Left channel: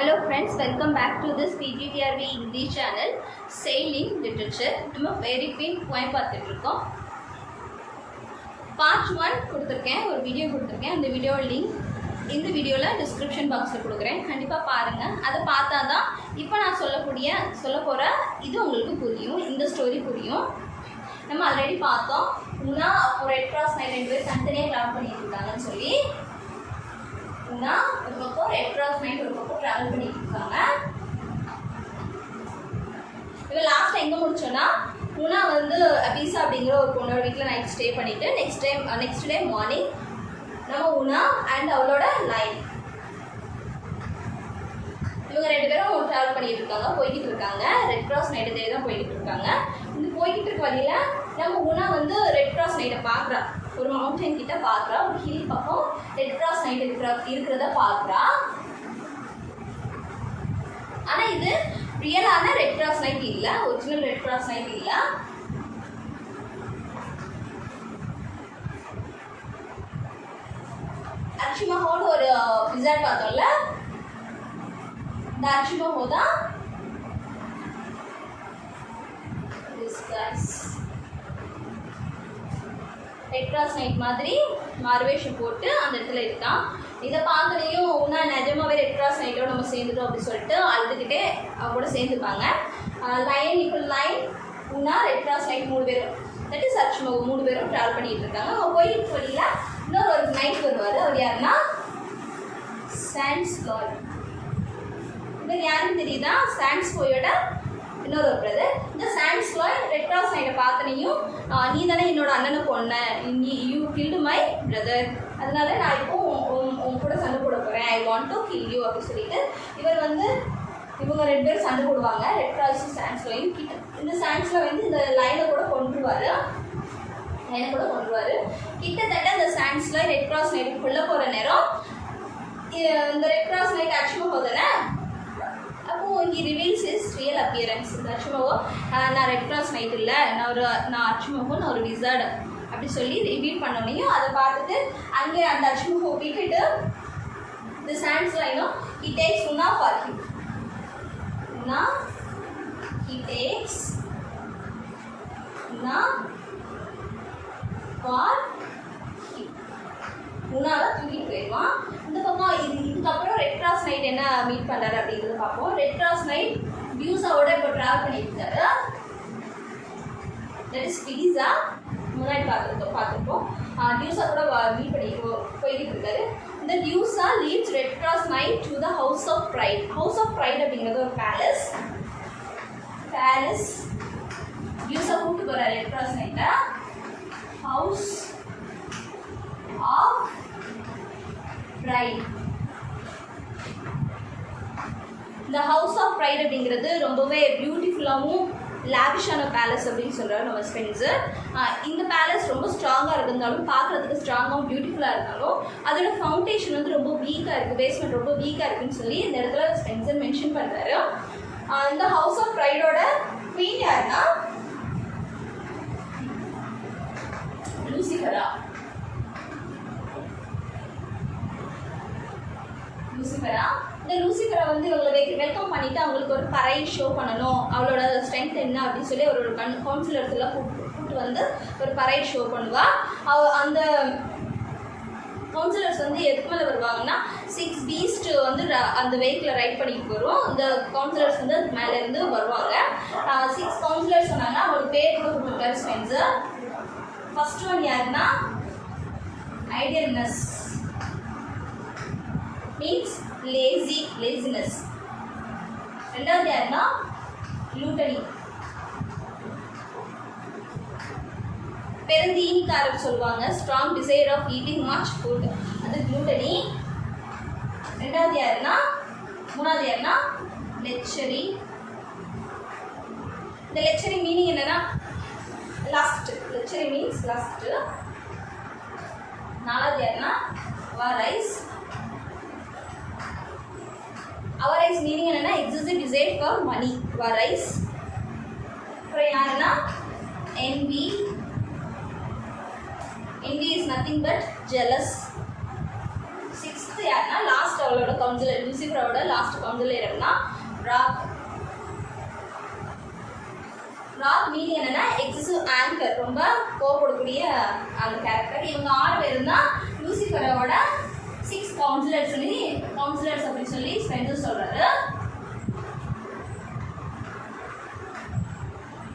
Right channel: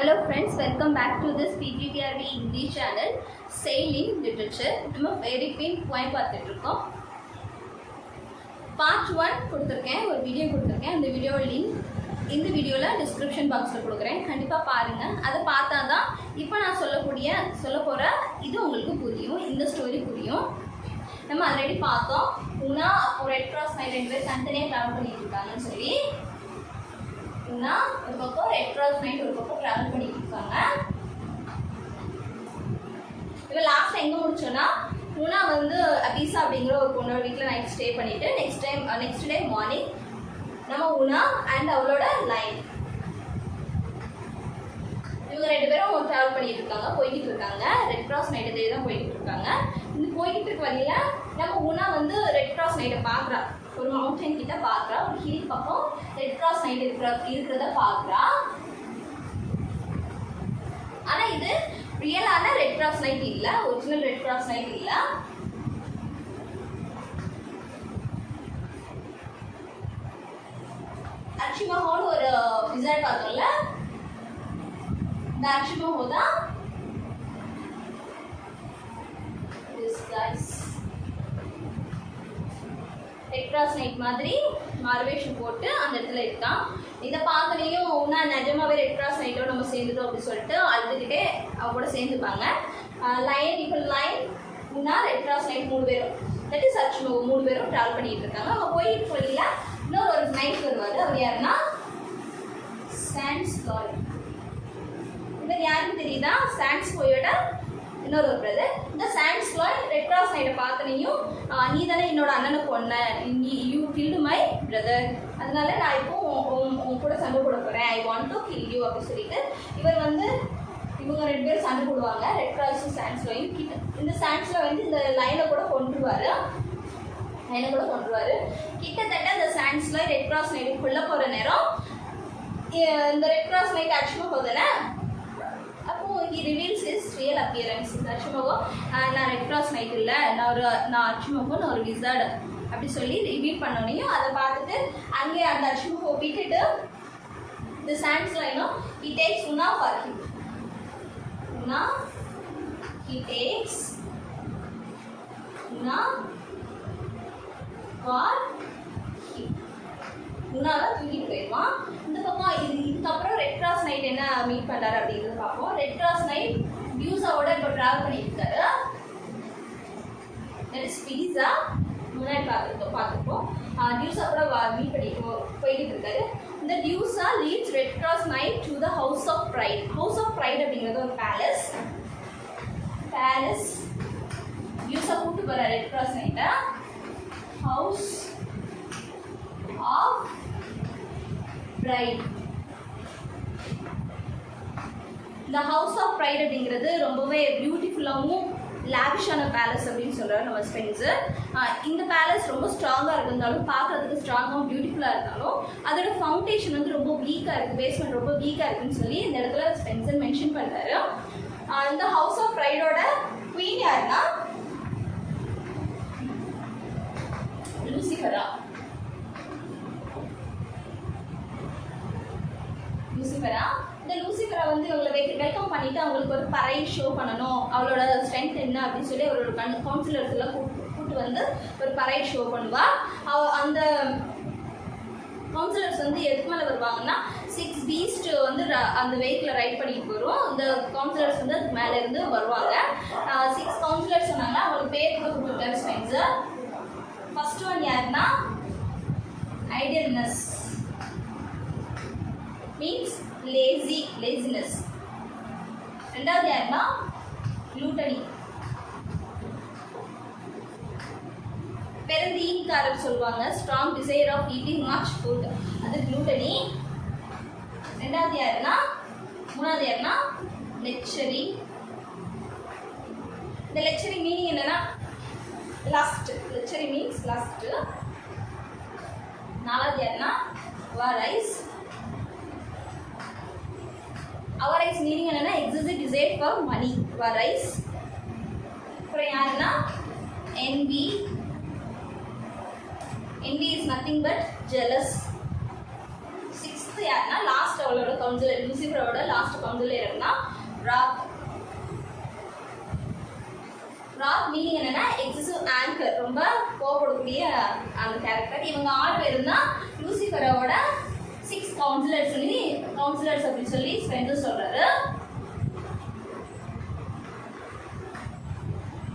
Hello friends, welcome back to this PGTRV English channel Sailing Literature. நம்ம very pin point பார்த்துட்டு இருக்கோம். Part 1 கொடுத்திருக்கேன், ஒரு வீடியோ கொடுத்திருக்கேன். அந்த வீடியோ லிங்க் இந்த வீடியோல டிஸ்கிரிப்ஷன் பாக்ஸ்ல கொடுக்குறேன். கண்டிப்பா பாருங்க. அதை பார்த்தா தான் இப்போ நான் சொல்ல போற இது உங்களுக்கு புரியும். இந்த ஸ்டோரி புரியும். நம்ம ஆல்ரெடி பார்த்தோம். உனா ஒரு ரெட் கிராஸ் நைட் ரெண்டு பேர் தனித்தனியாக ட்ராவல் பண்ணிட்டு இருக்காங்கன்னு சொல்லி உனா ஒரு பக்கம் ரெட் கிராஸ் நைட் ஒரு பக்கம் ட்ராவல் பண்ணிட்டு இருக்காங்க. இப்போ லாஸ்ட் எங்கே முடிச்சோன்னா உனா வந்து அபீசா அப்படிங்கிற ஒரு பொண்ணோட வீட்டில் நைட் ஸ்டே பண்ணிட்டு நெக்ஸ்ட் டே மார்னிங் நம்ம உனா அண்ட் அவளோட லைன் இவங்க ரெண்டு பேரும் ட்ராவல் பண்ணிட்டு இருக்காங்க, போய்கிட்டு இருக்காங்க. ரெட் கிராஸ் நைட்டே தான் போய்கிட்டு இருக்காங்க. இந்த போய்கிட்டு இருக்க வழியில நம்ம உனா வந்து ரெட் கிராஸ் நைட்டை பார்க்குறா. ஒரு மவுண்டன் கிட்ட பார்க்குறா, ஒரு ஹில் பக்கம் ரெட் கிராஸ் நைட் இருக்கிறத பார்க்குறா. ஆனால் இது ரியலான ரெட் கிராஸ் நைட் இல்லை, ஒரிஜினல் ரெட் கிராஸ் நைட் இல்லை. அர்ச்சிமஹோன்னு ஒரு விசார்ட் பார்த்தோம்ல, இந்த அர்ச்சிமஹோ தான் ரெட் கிராஸ் நைட் மாதிரி மார்வேஷம் போட்டு அந்த இடத்துல இருக்கான். இதை பார்த்தனையும் உன்னா நிஜமாவே ரெட் கிராஸ் நைட்டோட நம்ம சேர்ந்துட்டோம் அப்படின்னு சொல்லிட்டு அழுதுகிட்டே கூட சேர்ந்துப்பாங்க. லைன் உன்னா ரெட் கிராஸ் நைட் 3 பேரும் தட் இஸ் அர்ச்சிமஹோ 3 பேரும் ட்ராவல் பண்ணிட்டு இருக்காங்க. அவங்க போயிட்டு வழியில் இன்னொரு ஒரு நைட் வருவார். அவர் யாருன்னா சாண்ட்ஸ்லாய். இவர் யாருன்னு தெரியுதா? சாண்ட்ஸ்லாயோட இன்னொரு பிரதர். இந்த சாண்ட்ஸ்லாய் ரெட் கிராஸ் நைட்டை பார்த்தனையும் நீ தானே என்னோட அண்ணனை கொன்ன, யூ கில்டு மை பிரதர், அதனால நான் இப்போ உன் கூட சண்டை போட போகிறேன், I want to kill you அப்படின்னு சொல்லிட்டு இவங்க ரெண்டு பேரும் சண்டை போடுவாங்க. ரெட் கிராஸும் சாண்ட்ஸ்லாயும் கிட்ட. இந்த சாண்ட்ஸ்லாய் வந்து இந்த லைனை கூட கொண்டுருவார். கிட்டத்தட்ட இந்த சாண்ட்ஸ்லாய் ரெட் கிராஸ் நைட்டுக்குள்ளே போகிற நேரம் இந்த ரெட் கிராஸ் நைட் அர்ச்சிமஹோ தானே. அப்போது இங்கே ரிவீல்ஸ் இஸ் ரியல் அப்பியரன்ஸ். இந்த அர்ச்சிமஹோ நான் ரெட் கிராஸ் நைட் இல்லை, நான் அர்ச்சிமஹோ, நான் ஒரு விசார்டு அப்படி சொல்லி ரிவீல் பண்ணோனையும் அதை பார்த்துட்டு அங்கே அந்த அர்ச்சிமஹோ விட்டுட்டு இந்த சாண்ட்ஸ்லாயும் he takes Una for him. He takes Una for him. உன்னால தூக்கிட்டு போயிடுவான். இந்த பக்கம் இதுக்கப்புறம் ரெட் கிராஸ் நைட் என்ன மீட் பண்ணுறாரு அப்படிங்கிறது பார்ப்போம். ரெட் கிராஸ் நைட் டியூஸாவோட இப்போ ட்ராவல் பண்ணிட்டு இருக்காரு. தட் இஸ் பீஸா முன்னாடி பார்த்துருப்போம். டியூஸா கூட மீட் பண்ணி போய்கிட்டு இருக்காரு. இந்த Duessa leads red cross knight to the house of pride. House of pride அப்படிங்கிறது ஒரு பேலஸ். டியூஸா கூப்பிட்டு போகிறார் ரெட் கிராஸ் நைட்டை. House of pride. இந்த ஹவுஸ் ஆஃப் ப்ரைட் அப்படிங்கிறது ரொம்பவே பியூட்டிஃபுல்லாகவும் லாவிஷான பேலஸ் அப்படின்னு சொல்கிறார் நம்ம ஸ்பென்சர். இந்த பேலஸ் ரொம்ப ஸ்ட்ராங்காக இருந்தாலும், பார்க்குறதுக்கு ஸ்ட்ராங்காகவும் பியூட்டிஃபுல்லாக இருந்தாலும் அதோட ஃபவுண்டேஷன் வந்து ரொம்ப வீக்காக இருக்குது, பேஸ்மெண்ட் ரொம்ப வீக்காக இருக்குதுன்னு சொல்லி இந்த இடத்துல ஸ்பென்சர் மென்ஷன் பண்ணுறாரு. இந்த ஹவுஸ் ஆஃப் ப்ரைடோட குவீன் யாருன்னா லூசிஃபரா. இந்த லூசிஃபரா வந்து இவங்களை வெல்கம் பண்ணிட்டு அவங்களுக்கு ஒரு பரைட் ஷோ பண்ணணும், அவளோட ஸ்ட்ரென்த் என்ன அப்படின்னு சொல்லி அவரோட கவுன்சிலர்ஸ் எல்லாம் கூப்பிட்டு வந்து ஒரு பரைட் ஷோ பண்ணுவா. அந்த கவுன்சிலர்ஸ் வந்து எதுக்கு மேலே வருவாங்கன்னா 6 பீஸ்ட் வந்து அந்த வெஹிக்கிளை ரைட் பண்ணிட்டு வரும். இந்த கவுன்சிலர்ஸ் வந்து மேலேருந்து வருவாங்க. 6 கவுன்சிலர்ஸ் சொன்னாங்கன்னா அவங்களுக்கு பேர் கூட கொடுத்துருக்காரு ஸ்பென்சர். ஃபர்ஸ்ட் ஒன் யாருன்னா ஐடியல்னஸ், மீன்ஸ் laziness. ரெண்டாவது யாருன்னா glutony, பெருந்தீனிக்காரர் சொல்லுவாங்க. Strong desire of eating much food, அது glutony. ரெண்டாவது யாருன்னா மூணாவது யாருன்னா லெக்சரி. இந்த லெக்சரி மீனிங் என்னன்னா லஸ்ட். Lechery means lust. நாலாவது யாருன்னா அவரைஸ். அவரைஸ் மீனிங் என்னன்னா excessive desire for money. Avarice. அப்புறம் யாருன்னா envy. envy is nothing but jealous. 6th first யாருன்னா லாஸ்ட் அவளோட கவுன்சிலர், லூசிஃபரோட லாஸ்ட் கவுன்சிலர் யாருன்னா ராத். ராத் மீனிங் என்னன்னா எக்ஸசிவ் ஆங்கர், ரொம்ப கோவப்படக்கூடிய அந்த கேரக்டர். இவங்க 6 பேரும் தான் லூசிஃபரோட 6 கவுன்சிலர்ஸ் அப்படின்னு சொல்லி ஸ்பென்சர் சொல்றாரு.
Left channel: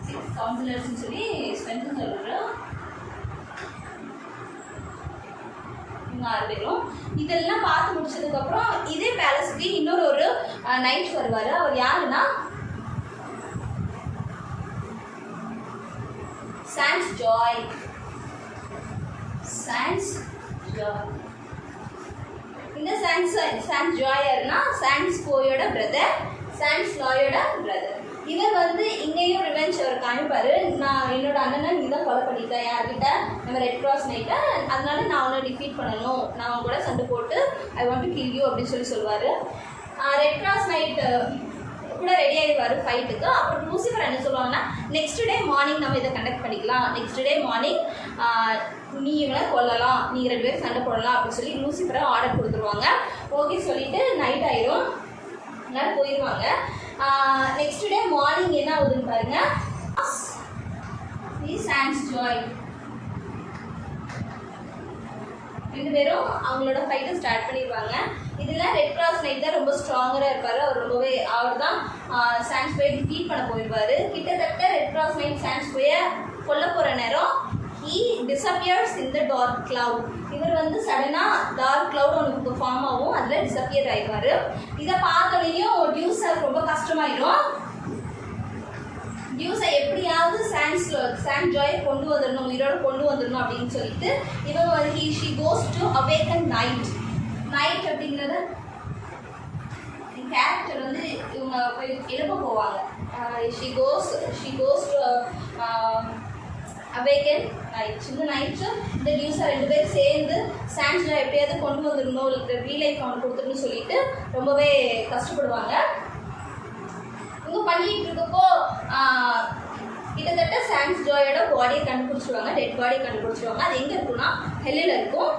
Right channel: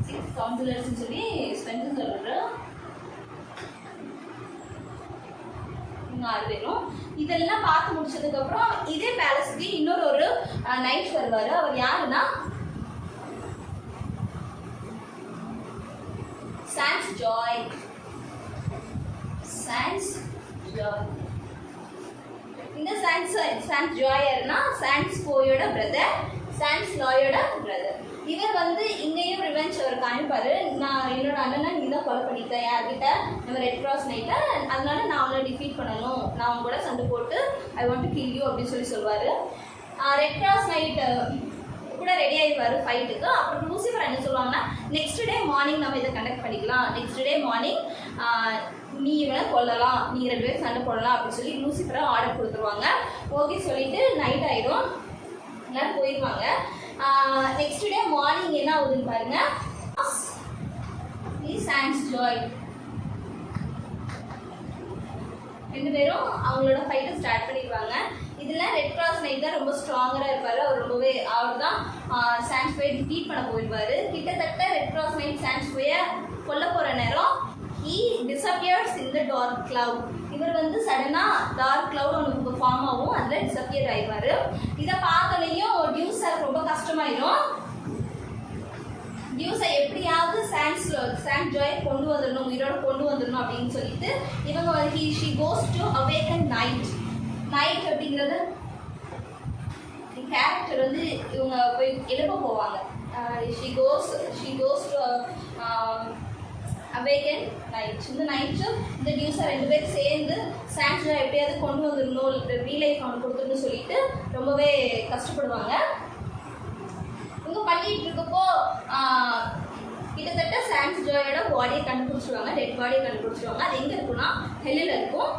6 கவுன்சிலர்ஸ் சொல்லி ஸ்பென்சர் சொல்றாரு. இவங்க 6 பேரும் இதெல்லாம் பார்த்து முடிச்சதுக்கு அப்புறம் இதே பேலஸ்க்கு இன்னொரு நைட் வருவாரு. அவர் யாருன்னா சான்ஸ் ஜாய். இந்த சான்ஸ் ஜாய் யாருன்னா சான்ஸ் போயோட பிரதர், சான்ஸ் லாயோட பிரதர். இவர் வந்து இங்கேயும் ரிவெஞ்ச் அவர் காமிப்பாரு. நான் என்னோட அண்ணனை நீ தான் கொலை பண்ணிட்டேன் யார்கிட்ட, நம்ம ரெட் கிராஸ் நைட்டை, அதனால நான் அவனை டிஃபீட் பண்ணணும், நான் அவன் கூட சண்டை போட்டு I want to kill you அப்படின்னு சொல்லுவார். ரெட் கிராஸ் நைட்டு கூட ரெடி ஆகிடுவார் ஃபைட்டுக்கு. அப்புறம் லூசிஃபர் என்ன சொல்லுவாங்கன்னா நெக்ஸ்ட் டே மார்னிங் நம்ம இதை கண்டக்ட் பண்ணிக்கலாம், நெக்ஸ்ட் டே மார்னிங் நீ இவனை கொல்லலாம், நீ 2 பேரும் சண்டை போடலாம் அப்படின்னு சொல்லி லூசிஃபரை ஆர்டர் கொடுத்துருவாங்க. ஓகே சொல்லிட்டு நைட் ஆயிடும், எல்லாரும் போயிடுவாங்க. நெக்ஸ்ட் டே மார்னிங் என்ன ஆகுதுன்னு பாருங்க. சான்ஸ் ஜாய் 2 பேரும் அவங்களோட ஃபைட்டை ஸ்டார்ட் பண்ணிடுவாங்க. இதில் ரெட் கிராஸ் நைட் தான் ரொம்ப ஸ்ட்ராங்கராக இருப்பார். அவர் தான் சான்ஸ் போயை டிஃபீட் பண்ண போயிடுவார். கிட்டத்தட்ட ரெட் கிராஸ் நைட் சான்ஸ் போயை கொல்ல போகிற நேரம் he disappears in the dark cloud. இவர் வந்து சடனாக டார்க் கிளவுட் அவனுக்கு ஃபார்ம் ஆகும், அதில் டிஸப்பியர் ஆயிடுவார். இதை பார்த்தோன்னையும் டியூஸாக ரொம்ப கஷ்டமாயிடும். டியூஸை எப்படியாவது சான்ஸ் ஜாயை கொண்டு வந்துடணும், உயிரோடு கொண்டு வந்துடணும் அப்படின்னு சொல்லிட்டு இவங்க வந்து she goes to awaken night அப்படிங்கிறத கேரக்டர் வந்து இவங்க போய் எழுப்ப போவாங்க. She goes to awaken night. இந்த நைட்டு இந்த டியூஸை 2 பேரும் சேர்ந்து சான்ஸ் ஜாய் எப்படியாவது கொண்டு வந்துடணும், ரீலைஃப் அவனுக்கு கொடுத்துடணும்னு சொல்லிட்டு ரொம்பவே கஷ்டப்படுவாங்க. இவங்க பண்ணிட்டு இருக்கப்போ கிட்டத்தட்ட சான்ஸ் ஜாயோட பாடியை கண்டுபிடிச்சிடுவாங்க, டெட் பாடியை கண்டுபிடிச்சிடுவாங்க. அது எங்கே இருக்குன்னா ஹெல்லில் இருக்கும்.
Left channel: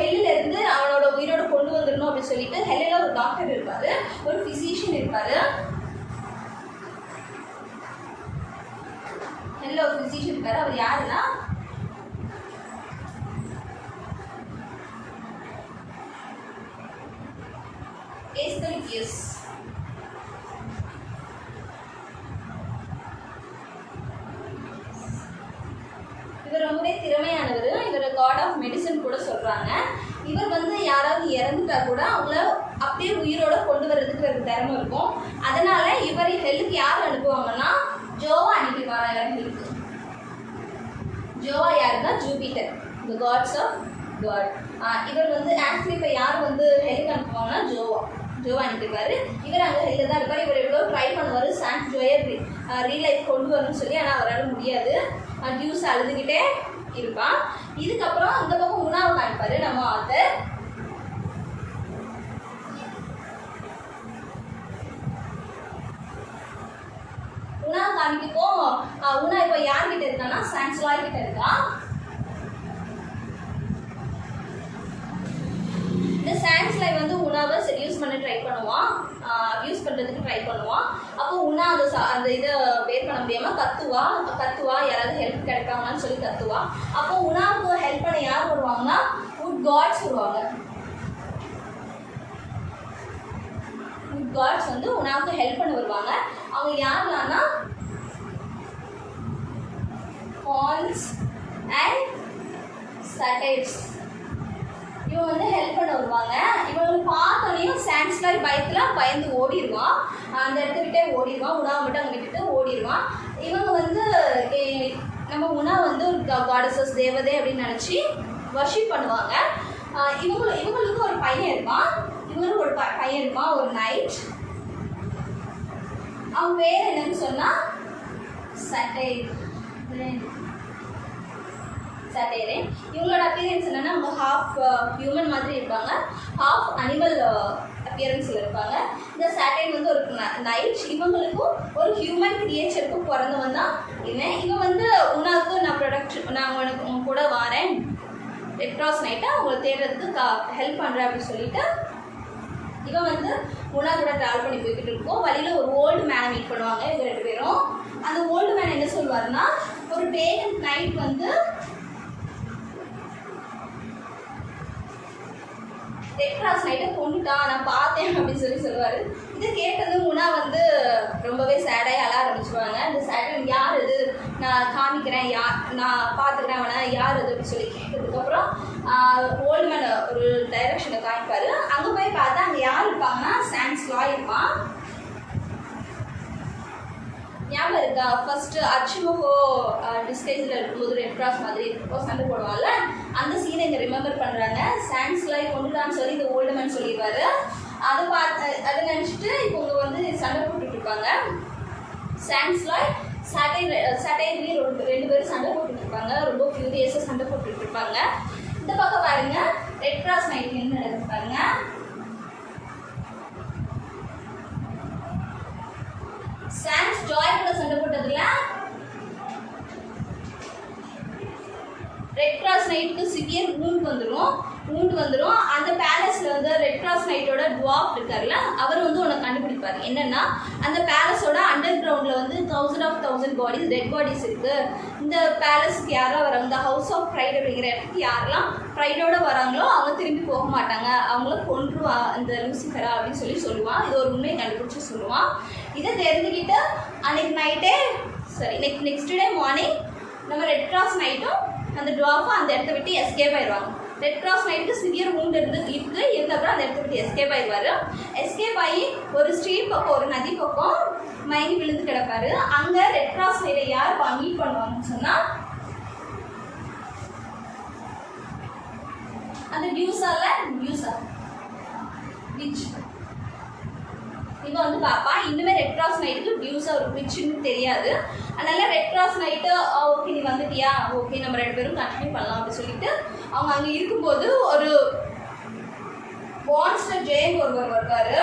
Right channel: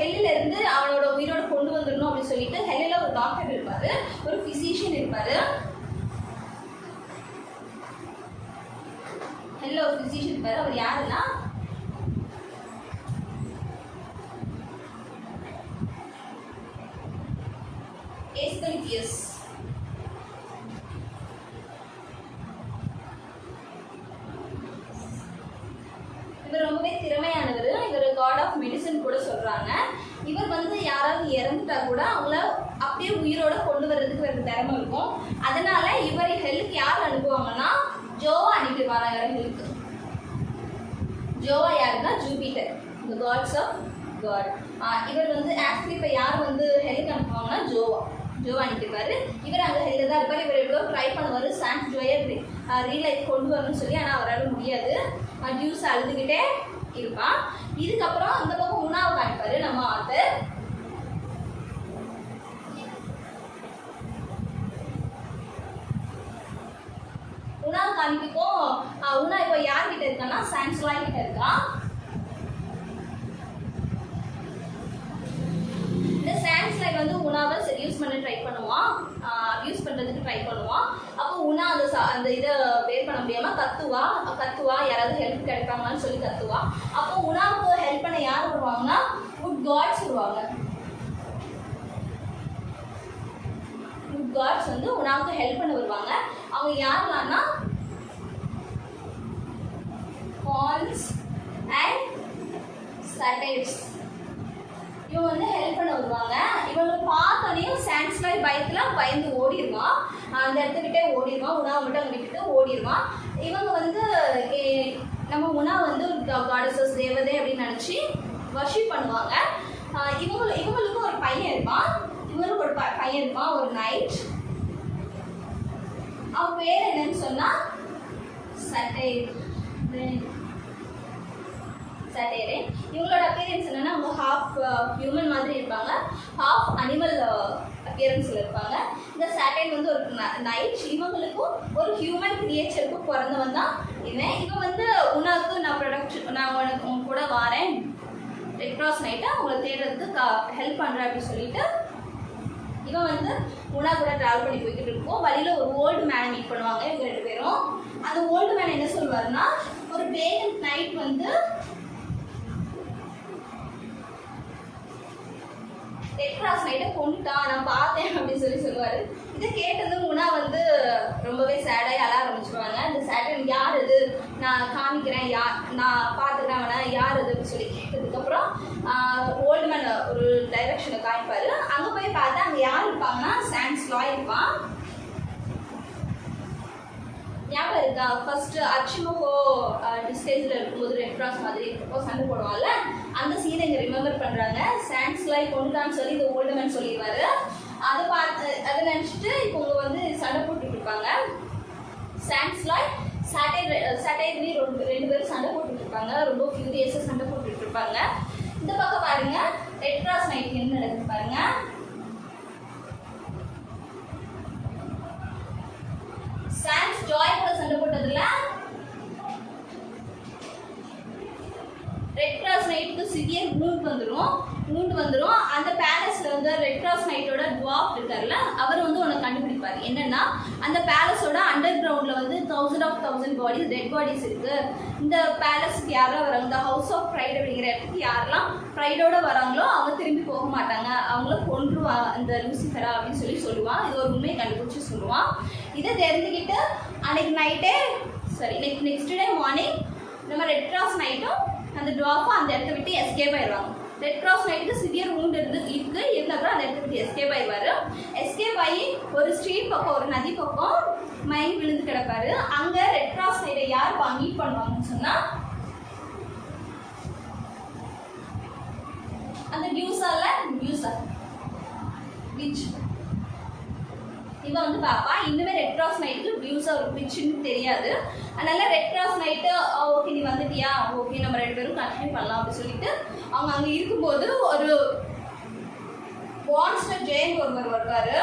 ஹெல்லில் இருந்து அவனோட உயிரோட கொண்டு வந்துடணும் அப்படின்னு சொல்லிட்டு ஹெல்லில் ஒரு டாக்டர் இருப்பார், ஒரு ஃபிசிஷியன் இருப்பார். ஹெல்லில் ஒரு ஃபிசிஷியன் இருப்பார். அவர் யாருன்னா எஸ்கலிபியஸ். இவர் ரொம்பவே திறமையானவர். இவர் காட் ஆஃப் மெடிசன் கூட சொல்கிறாங்க. இவர் வந்து யாராவது இறந்துட்டா கூட அவங்கள அப்படியே உயிரோட கொண்டு வர்றதுக்கு ஒரு திறமை இருக்கும். அதனால இவர் ஹெல்லுக்கு யார் அனுப்புவாங்கன்னா ஜோவா அனுப்பிடுவாங்க. ஹெல்லுக்கு ஜோவா யாருன்னா Jupiter, the gods of god. இவர் வந்து ஆக்சுவலி இப்போ யார் வந்து ஹெல்லுக்கு அனுப்புவாங்கன்னா ஜோவா அனுப்பிடுவார். இவர் அங்கே ஹெல்லில் தான் இருப்பார். இவர் எவ்வளோ ட்ரை பண்ணுவார் சான்ஸ் ஜோயை ரீலைஃப் கொண்டு வரணும்னு சொல்லி, ஆனால் அவரால் முடியாது. டியூஸ் அழுதுகிட்டே இருப்பான். இதுக்கப்புறம் இந்த பக்கம் உணாவை காமிப்பாரு நம்ம ஆத்தர். உணாவை காமிக்கப்போ உணா இப்போ யார்கிட்ட இருக்கான்னா சான்ஸ் லாய் கிட்ட இருக்கான். இந்த சான்ஸ் லாய் வந்து உணாவை செடியூஸ் பண்ண ட்ரை பண்ணுவான், அப்யூஸ் பண்ணுறதுக்கு ட்ரை பண்ணுவான். அப்போ உணா அந்த இதை வேர் பண்ண முடியாமல் கத்துவா யாராவது ஹெல்ப் கிடைக்காங்கன்னு சொல்லி கத்துவா. அப்போ உணாவுக்கு ஹெல்ப் பண்ண யார் வருவாங்கன்னா வுட் காட்ஸ் வருவாங்க. வுட் காட்ஸ் வந்து உணாவுக்கு ஹெல்ப் பண்ண வருவாங்க. அவங்க யாருலான்னா ஹார்ன்ஸ் அண்ட் சட்டைர்ஸ். இவங்க வந்து ஹெல்ப் பண்ண வருவாங்க. இவங்களை பார்த்தோன்னே சான்ஸ்லாய் பயந்து ஓடிடுவான், அந்த இடத்துக்கிட்டே ஓடிடுவான். உணவை மட்டும் அங்கே விட்டுட்டு ஓடிடுவான். இவங்க வந்து நம்ம உணா வந்து ஒரு காடஸஸ் தேவதை அப்படின்னு நினச்சி வர்ஷிப் பண்ணுவாங்க. இவங்களுக்கு ஒரு பையன் இருப்பான், இவங்களுக்கு ஒரு பையன் இருப்பான், ஒரு நைட். அவன் பேர் என்னன்னு சொன்னால் சட்டையரே. இவங்களோட அப்பியரன்ஸ் என்னென்னா அவங்க ஹாஃப் ஹியூமன் மாதிரி இருப்பாங்க, ஹாஃப் அனிமல் அப்பியரன்ஸில் இருப்பாங்க. இந்த சாட்டைன் வந்து ஒரு நைட். இவங்களுக்கும் ஒரு ஹியூமன் கிரியேச்சருக்கும் பிறந்தவன் தான் இவன் வந்து உனக்கு நான் உனக்கு உன் கூட வாரேன், ரெட் கிராஸ் நைட்டை அவங்களை தேடுறதுக்கு ஹெல்ப் பண்ணுறேன் அப்படின்னு சொல்லிட்டு இவன் வந்து குணா கூட ட்ராவல் பண்ணி போய்கிட்டு இருக்கோம். வழியில் ஒரு ஓல்டு மேனை மீட் பண்ணுவாங்க இவங்க 2 பேரும். அந்த ஓல்டு மேன் என்ன சொல்லுவாருன்னா, ஒரு டே அண்ட் நைட் வந்து ரெட் கிராஸ் நைட்டை கொண்டுட்டான், நான் பார்த்தேன் அப்படின்னு சொல்லுவார். இதை கேட்டது குணா வந்து ரொம்பவே சேடாகி அழ ஆரம்பிச்சுருவாங்க. இந்த சேட் யார் இது, நான் காமிக்கிறேன், நான் பார்த்துக்கிறேன் அவனை, யார் இது அப்படின்னு சொல்லி கேட்டதுக்கப்புறம் ஓல்டு மேன் ஒரு டைரக்ஷனை காமிப்பார். அங்கே போய் பார்த்தா அங்கே யார் இருப்பாங்கன்னா சாண்ட்ஸ் லாய் இருப்பான். ஞாபகம் இருக்கா, ஃபர்ஸ்ட் அச்சுமுகோ டிஸ்டேஜில் இருக்கும்போது ரெட் கிராஸ் மாதிரி இருக்கும் சண்டை போடுவாங்கல்ல, அந்த சீனை இங்கே ரிமெம்பர் பண்ணுறாங்க. சாண்ட்ஸ் லாய் கொண்டுட்டான்னு சொல்லி இந்த ஓல்டு மேன் சொல்லிடுவார். அதை நினச்சிட்டு இப்போ இங்கே வந்து சண்டை போட்டுட்டு இருப்பாங்க. சாண்ட்ஸ் லாய் சாட்டர்டே 2 பேரும் சண்டை போட்டுட்டு இருப்பாங்க. ரொம்ப ஃபியூரியஸாக சண்டை போட்டுட்டு இருப்பாங்க. இந்த பக்கம் பாருங்க ரெட் கிராஸ் நைட் என்ன நடக்குது பாருங்க. சாண்ட்ஸ் ஜாய் கூட சண்டை போட்டதுல ரெட் கிராஸ் நைட்டுக்கு சிவியர் வூண்ட் வந்துடும். அந்த பேலஸ்ல வந்து ரெட் கிராஸ் நைட்டோட டுவார்ஃப் இருக்கார்ல, அவர் வந்து உன்னை கண்டுபிடிப்பார். என்னன்னா, அந்த பேலஸோட அண்டர் கிரவுண்ட்ல வந்து 1000 பாடிஸ், டெட் பாடிஸ் இருக்கு. இந்த பேலஸ்க்கு யாரெல்லாம் வராங்க, இந்த ஹவுஸ் ஆஃப் ப்ரைட் அப்படிங்கிற இடத்துக்கு யாரெல்லாம் ப்ரைடோட வராங்களோ அவங்க திரும்பி போக மாட்டாங்க, அவங்கள கொன்றுவா இந்த லூசிஃபரா அப்படின்னு சொல்லுவான். இது ஒரு உண்மையை கண்டுபிடிச்சு சொல்லுவான். இதை தெரிஞ்சுக்கிட்டு அன்னைக்கு நைட்டே நெக்ஸ்ட் டே மார்னிங் நம்ம ரெட் கிராஸ் நைட்டும் அந்த டுவார்ஃபை அந்த இடத்த விட்டு எஸ்கேப் ஆயிடுவாங்க. ரெட் கிராஸ் நைட்டுக்கு சிவியர் வூண்ட் இருந்தப்பறம் அந்த இடத்த விட்டு எஸ்கேப் ஆயிடுவார். எஸ்கேப் ஆகி ஒரு ஸ்ட்ரீட் பக்கம், ஒரு நதி பக்கம் மயங்கி விழுந்து கிடப்பாரு. அங்கே ரெட் கிராஸ் நைட்டை யார் மீட் பண்ணுவாங்கன்னு சொன்னால் அந்த வியூஸா விச் இவன் வந்து பாப்பா. இன்னுமே ரெட் கிராஸ் நைட்டுக்கு வியூஸா ஒரு விச்சுன்னு தெரியாது. அதனால ரெட் கிராஸ் நைட்டு ஓகே நீ வந்துட்டியா, ஓகே நம்ம 2 பேரும் கண்டினியூ பண்ணலாம் அப்படின்னு சொல்லிட்டு அவங்க அங்கே இருக்கும்போது ஒரு மான்ஸ்டர் ஜெயண்ட் ஒருவர் வருவார்.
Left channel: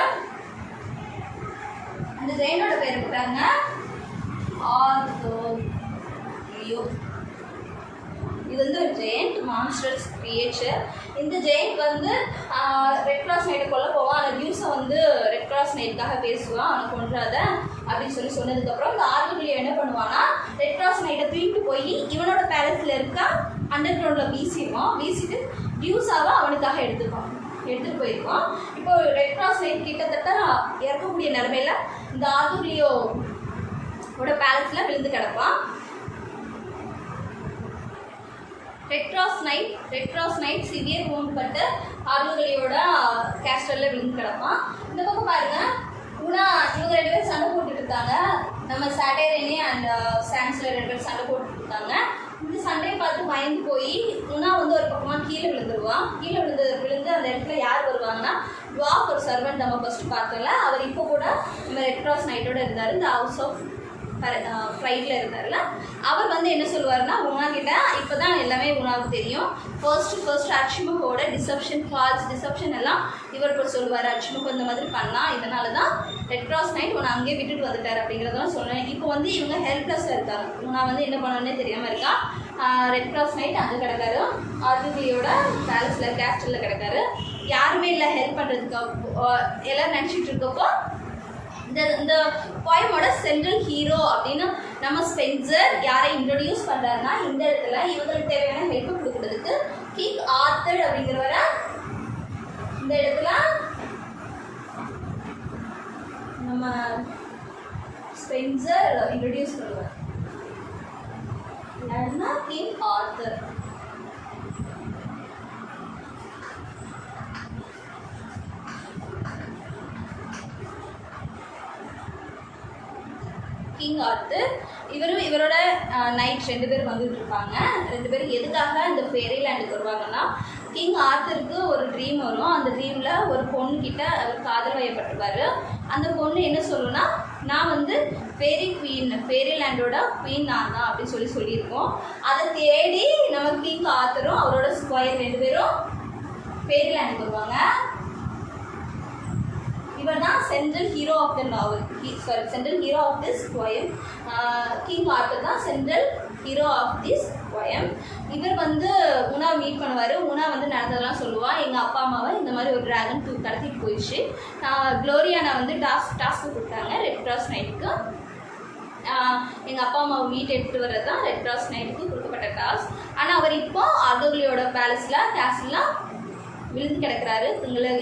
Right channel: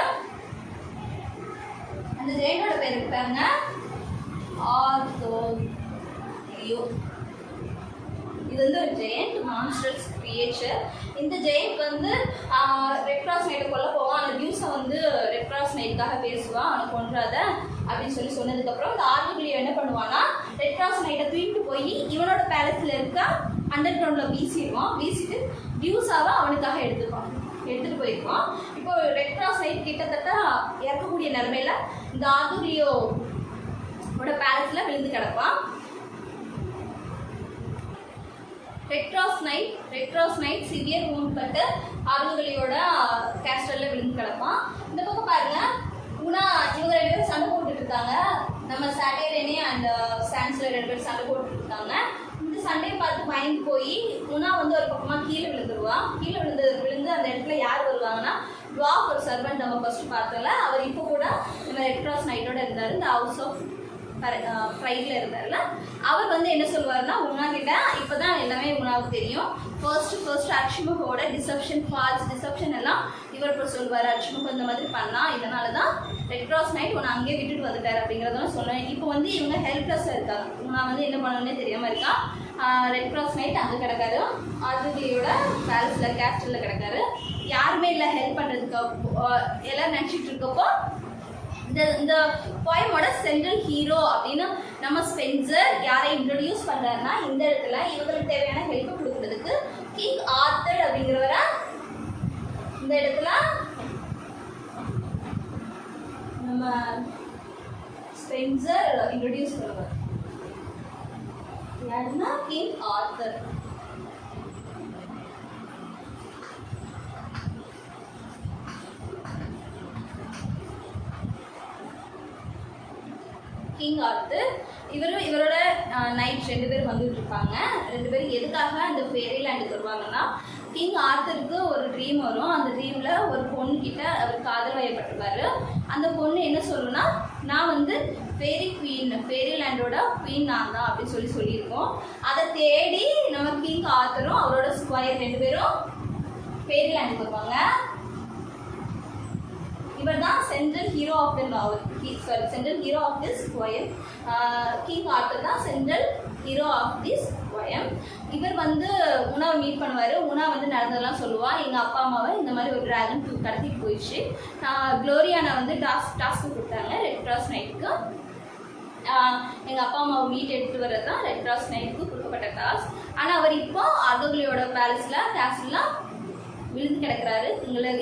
அந்த ஜெயண்டோட பேர் இருக்காங்க ஆர்தோலியோ. இது வந்து ஒரு ஜெயண்ட் மான்ஸ்டர்ஸ் கிரியேச்சர். இந்த ஜெயண்ட் வந்து ரெட் கிராஸ் நைட்டை கொல்ல போவான். அந்த நியூஸை வந்து ரெட் கிராஸ் நைட்டுக்காக பேசுவான், அவனை கொன்றாத அப்படின்னு சொன்னதுக்கப்புறம் இந்த ஆர்தோலியோ என்ன பண்ணுவான்னா, ரெட் கிராஸ் நைட்டை தூக்கிட்டு போய் இவனோட பேலஸில் இருக்க அண்டர் கிரவுண்டில் வீசிட்டு டியூஸாவை அவனுக்காக எடுத்துகிட்டு போயிருப்பான். இப்போ ரெட் கிராஸ் நைட் கிட்டத்தட்ட இறக்கக்கூடிய நிலைமையில இந்த ஆர்தோலியோட பேலஸில் விழுந்து கிடப்பான். Red cross knight severe wound பட்டு ஆர்தோலியோட கேஸ்டலில் விழுந்து கிடப்பான். இந்த பக்கம் பாருங்க, இவங்க 2 பேரும் சண்டை போட்டுட்டு இருக்காங்க. நம்ம சாட்டர்டே அண்ட் சாண்ட்ஸில் 2 பேரும் சண்டை போட்டுட்டு இருக்காங்க. இந்த சண்டையை பார்த்து மயங்கி போய் உனா வந்து ஒரு பக்கமாக கீழே விழுந்துருவான். விழுந்து அந்த இடத்துல யார் வருவாங்கன்னா, டுவார்ஃப் ஒரு சர்வெண்ட் நம்ம ஃபர்ஸ்ட் பார்த்தோம்ல, அவர் இப்போ கூட நம்ம ரெட் கிராஸ் நைட்டோட இருந்தார். இந்த ஹவுஸ் ஆஃப் ப்ரைடில் இருந்தார்ல, அவர் வந்து என்ன சொல்லுவாருன்னா, உனா கிட்ட இப்போ தான் எல்லாமே உனாவுக்கு தெரியும். ஃபர்ஸ்ட் அச்சுமுகோட ஃபால்ஸ் டிசப்ஷன் எல்லாம் இவர் இப்போ சொல்லுவார். அச்சுமுகம் இந்த மாதிரி பண்ணால், இதனால தான் ரெட் கிராஸ் நைட் உன்னை அங்கேயே விட்டுட்டு வந்துட்டார் அப்படிங்கிறதெல்லாம் சொல்லுவேன். இப்போ வந்து இவங்க ஹெல்ப்லெஸ்ஸாக இருக்காங்க. உனா வந்து என்ன பண்ணணுன்னே தெரியாமல் இருக்கான். ரெட் கிராஸ் நைட் அங்கே கிடக்காரு, ஆர்தோலியோட பேலஸில் கேஸ்டலில் கிடக்காரு. யாருமே இல்லை ஹெல்ப் பண்ணுறதுக்கு. எல்லாம் நினச்சிட்டு இருக்கப்போ இந்த போயமோட சென்ட்ரல் ஹீரோ அப்படின்னு நம்ம ஸ்பென்சர் யாரை இன்ட்ரோடியூஸ் பண்ணுறாருன்னா, இந்த இடத்துல இவங்களுக்கு தேவையான ஹெல்ப் கொடுக்குறதுக்கு கிங் ஆர்தர் அப்படிங்கிறவரை இந்த இடத்துல நம்ம ஸ்பென்சர் இன்ட்ரோடியூஸ் பண்ணுவார். யாருன்னா கிங் ஆர்தர். கிங் ஆர்தர் இவரோட நைட் 2 பேர் வந்துட்டு இருப்பாங்க. 2 பேரும் எதுக்காக இந்த ஃபேரிலேண்டுக்கு வருவாங்கன்னா, கிங் ஆர்தருக்கு ஒரு ட்ரீம் வரும். அந்த ட்ரீமில் ஒரு பொண்ணுக்கிட்ட அவர் காதல் வயப்பட்டிருப்பாரு. அந்த பொண்ணு என்ன சொல்லுன்னா, நான் வந்து ஃபேரிலேண்டோட குவீன் நான் தான் அப்படின்னு சொல்லியிருக்கோம். அதை தேடி நம்ம கிங் ஆர்தரும் அவரோட ஸ்கொயர் 2 பேரும் ஃபேரிலேண்டுக்கு வருவாங்க. இவர் தான் central hero of the novel, central hero of this poem. King Arthur தான் central hero of this poem. இவர் வந்து உணாவை மீட் பண்ணுவார். உணா வந்து நடந்ததெல்லாம் சொல்லுவாள். எங்கள் அப்பா அம்மாவை இந்த மாதிரி ஒரு ட்ராகன் கடத்திட்டு போயிடுச்சு. க்ளோரியானா வந்து டாஸ்க்கு கொடுத்தாங்க ரெட் கிராஸ் நைட்டுக்கு. எங்கள் அப்பா அம்மாவை மீட் எடுத்துகிட்டு வர்றது தான் ரெட் கிராஸ் நைட்டுக்கு கொடுக்கப்பட்ட டாஸ்க். ஆனால் அவர் இப்போ ஆர்தோகிலியோட கேஸ்லாம் விழுந்து கிடக்கிறாரு.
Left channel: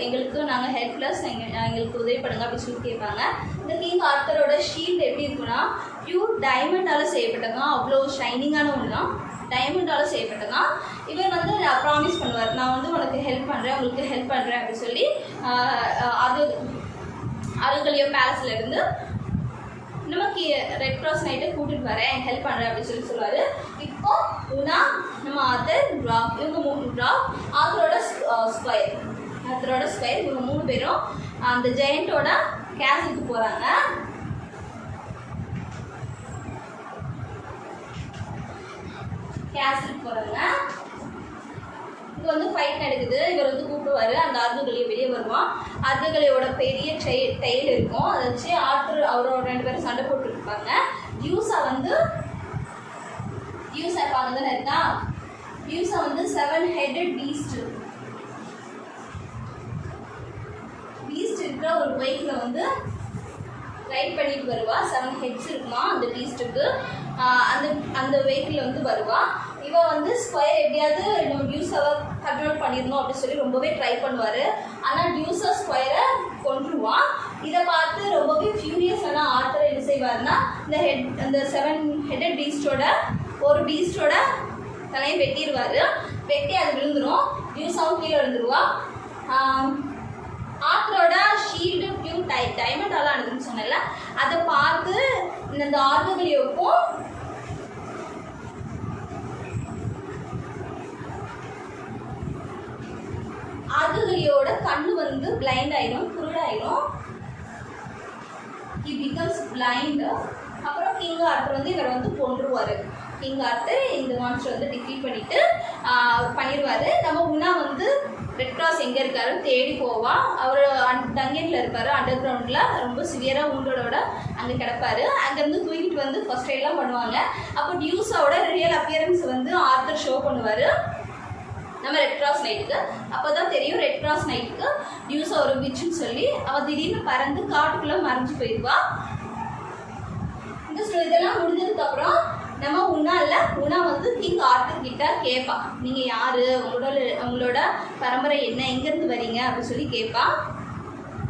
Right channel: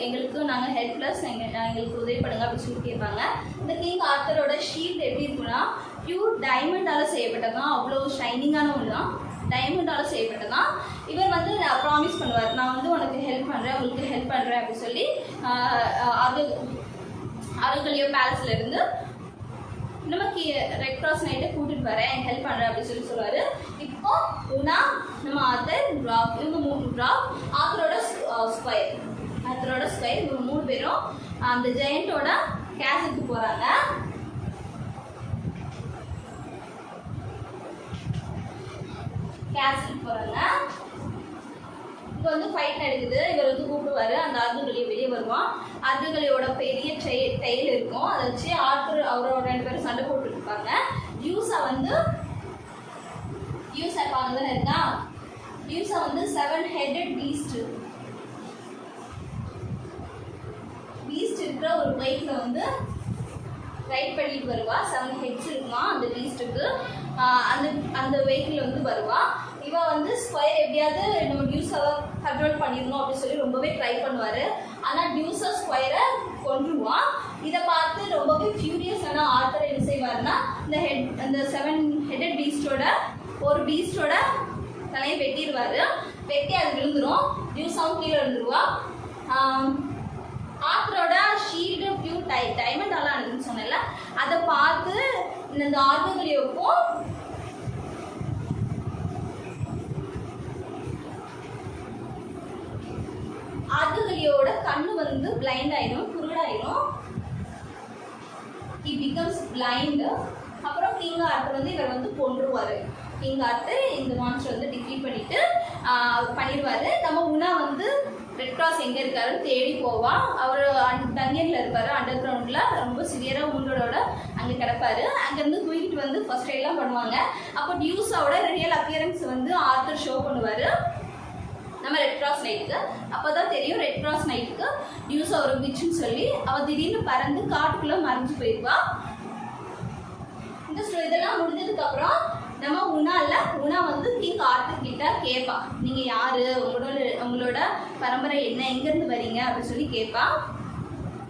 எங்களுக்கு நாங்கள் ஹெல்ப்லெஸ், எங்களுக்கு உதவி பண்ணுங்க அப்படின்னு சொல்லி கேட்பாங்க. இந்த கிங் ஆர்த்தரோட ஷீல்டு எப்படி இருக்குன்னா பியூர் டைமண்டால் செய்யப்பட்டதான். அவ்வளோ ஷைனிங்கான ஒன்று தான், டைமண்டால் செய்யப்பட்டதான். இவர் வந்து ப்ராமிஸ் பண்ணுவார், நான் வந்து உனக்கு ஹெல்ப் பண்ணுறேன், உங்களுக்கு ஹெல்ப் பண்ணுறேன் அப்படின்னு சொல்லி ஆர்தோகிலியோ பேலஸ்லேருந்து நமக்கு ரெட் கிராஸ் நைட்டை கூட்டிகிட்டு வரேன், ஹெல்ப் பண்ணுறேன் அப்படின்னு சொல்லுவார். இப்போ உனா, நம்ம ஆத்தர், ட்ராப், இவங்க 3 ட்ராப், ஆத்தரோட ஸ்கொயர் இவங்க 3 பேரும் அந்த ஜெயண்டோட கேசலுக்கு போகிறாங்க. இங்கே வந்து ஃபைட் நடக்குது. இவர் வந்து கூப்பிடுவார். அந்த ஆர்தோகிலியை வெளியே வருவான். ஆர்தோகிலியோட பெரிய தையல் இருக்கும். அதை வச்சு ஆர்த்தர் அவரோட 2 பேரும் சண்டை போட்டுருப்பாங்க. டியூஸா பார்க்கதானே இருக்கா. டியூஸா வந்து 7 headed beast இருக்கிற ஒரு பைக்கில் வந்து ரைட் பண்ணிட்டு வருவா. 7 heads இருக்குமா அந்த பீஸ்ட்டுக்கு. அந்த வெஹிக்கிள் வந்து வருவா. இவன் வந்து ஸ்கொயர் எப்படியாவது நம்ம டியூஸாவை கண்ட்ரோல் பண்ணிடணும் அப்படின்னு சொல்லி ரொம்பவே ட்ரை பண்ணுவார். ஆனால் டியூஸா ஸ்கொயரை கொன்றுவான். இதை பார்த்து ரொம்பவே ஃபியூரியஸான ஆர்த்தர் என்ன செய்வார்னா இந்த 7 headed பீஸ்டோட ஒரு பீஸ்டோட தலையை வெட்டிடுவார். வெட்டி அது விழுந்துடும். டியூஸாவும் கீழே விழுந்துருவா. ஆர்த்தரோட ஷீல்டு பியூர் டைமண்டால் ஆனதுன்னு சொன்னல, அதை பார்த்து இந்த ஆர்தோகிலியோக்கும் ஆர்தோகிலியோட கண்ணு வந்து பிளைண்ட் ஆயிடும், குருடாயிடும். he becomes blind. அப்புறம் கிங் ஆர்த்தர் வந்து இவர் வந்து கொன்றுவார். கிங் ஆர்த்தர் இந்த மான்ஸ்டர் வந்து டிஃபீட் பண்ணிடுவார். நம்ம உணா வந்து ரெட் கிராஸ் எங்கே இருக்காருன்னு தேடி போவான். அவர் டங்கேரில் இருப்பார், அண்டர் கிரவுண்டில் ரொம்ப சிவியராக ஊண்டோட அங்கே கிடப்பார். அங்கேருந்து தூக்கிட்டு வந்து ஃபர்ஸ்ட் எய்ட்லாம் பண்ணுவாங்க. அப்போ டியூஸாவோட ரியல் அப்பியரன்ஸ் வந்து ஆர்த்தர் ஷோ பண்ணுவார் நம்ம ரெட் கிராஸ் நைட்டுக்கு. அப்போ தான் தெரியும் ரெட் கிராஸ் நைட்டுக்கு டியூஸா ஒரு விச்சுன்னு சொல்லி அவள் திடீர்னு பறந்து காட்டுக்குள்ளே மறைஞ்சு போயிடுவா. இதெல்லாம் முடிஞ்சதுக்கப்புறம் நம்ம உணா வந்து கிங் ஆர்த்தர் கிட்ட கேட்பா, நீங்கள் யார், உங்களோட பரம்பரை என்ன, எங்கேருந்து வரீங்க அப்படின்னு சொல்லி கேட்பா.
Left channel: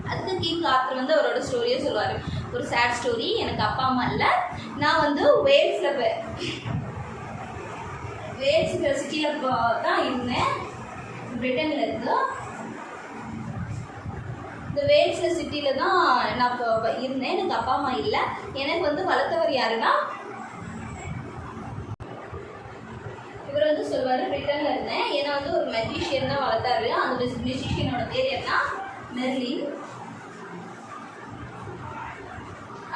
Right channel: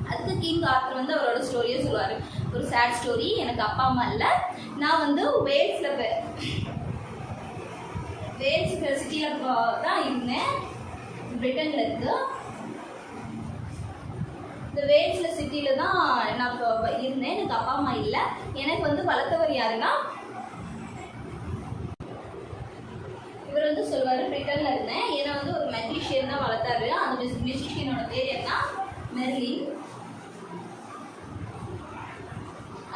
அதுக்கு கிங் ஆர்த்தர் வந்து அவரோட ஸ்டோரியை சொல்லுவார். ஒரு சேட் ஸ்டோரி, எனக்கு அப்பா அம்மா இல்லை, நான் வந்து வேல்ஸ்ங்கிற சிட்டியில் தான் இருந்தேன், பிரிட்டனில் இருக்கு. இந்த வேல்ஸ்ல சிட்டியில் தான் நான் இருந்தேன், எனக்கு அப்பா அம்மா இல்லை. எனக்கு வந்து வளர்த்தவர் யாருன்னா இவர் வந்து சொல்லுவார், பிரிட்டனில் இருந்தேன், ஏன்னா வந்து ஒரு மெஜிஷியன் தான் வளர்த்தாரு. அந்த மெஜிஷியனோட பேர் என்ன, மெர்லின்.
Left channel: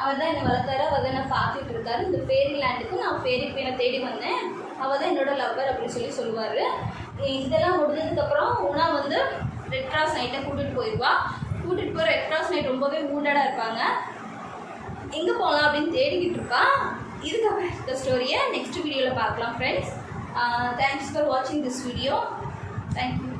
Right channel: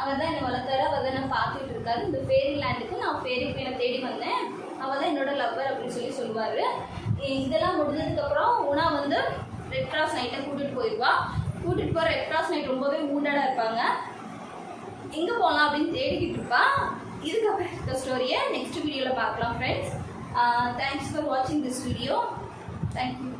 அவர் தான் என்னை வளர்த்தாரு, அவர் தான் நான் பார்த்துட்டு இருக்காரு. இந்த ஃபேரி லேண்டுக்கு நான் ஃபேரி பேரை தேடி வந்தேன், அவள் தான் என்னோட லவ்வர் அப்படின்னு சொல்லுவார். இதெல்லாம் முடிஞ்சதுக்கப்புறம் உணா வந்து ரெட் கிராஸ் நைட்டை கூட்டிகிட்டு போயிடுவா. கூட்டிகிட்டு போகிற ரெட் கிராஸ் நைட் ரொம்பவே ஊண்டடாக இருப்பாங்க. எங்கே போகலாம் அப்படின்னு தேடிக்கிட்டு இருப்பா. இதுக்கப்புறம் இந்த ஸ்டோரியை நெக்ஸ்ட் வீடியோவில் பார்க்கலாம் friends. Thanks for watching this video. Thank you.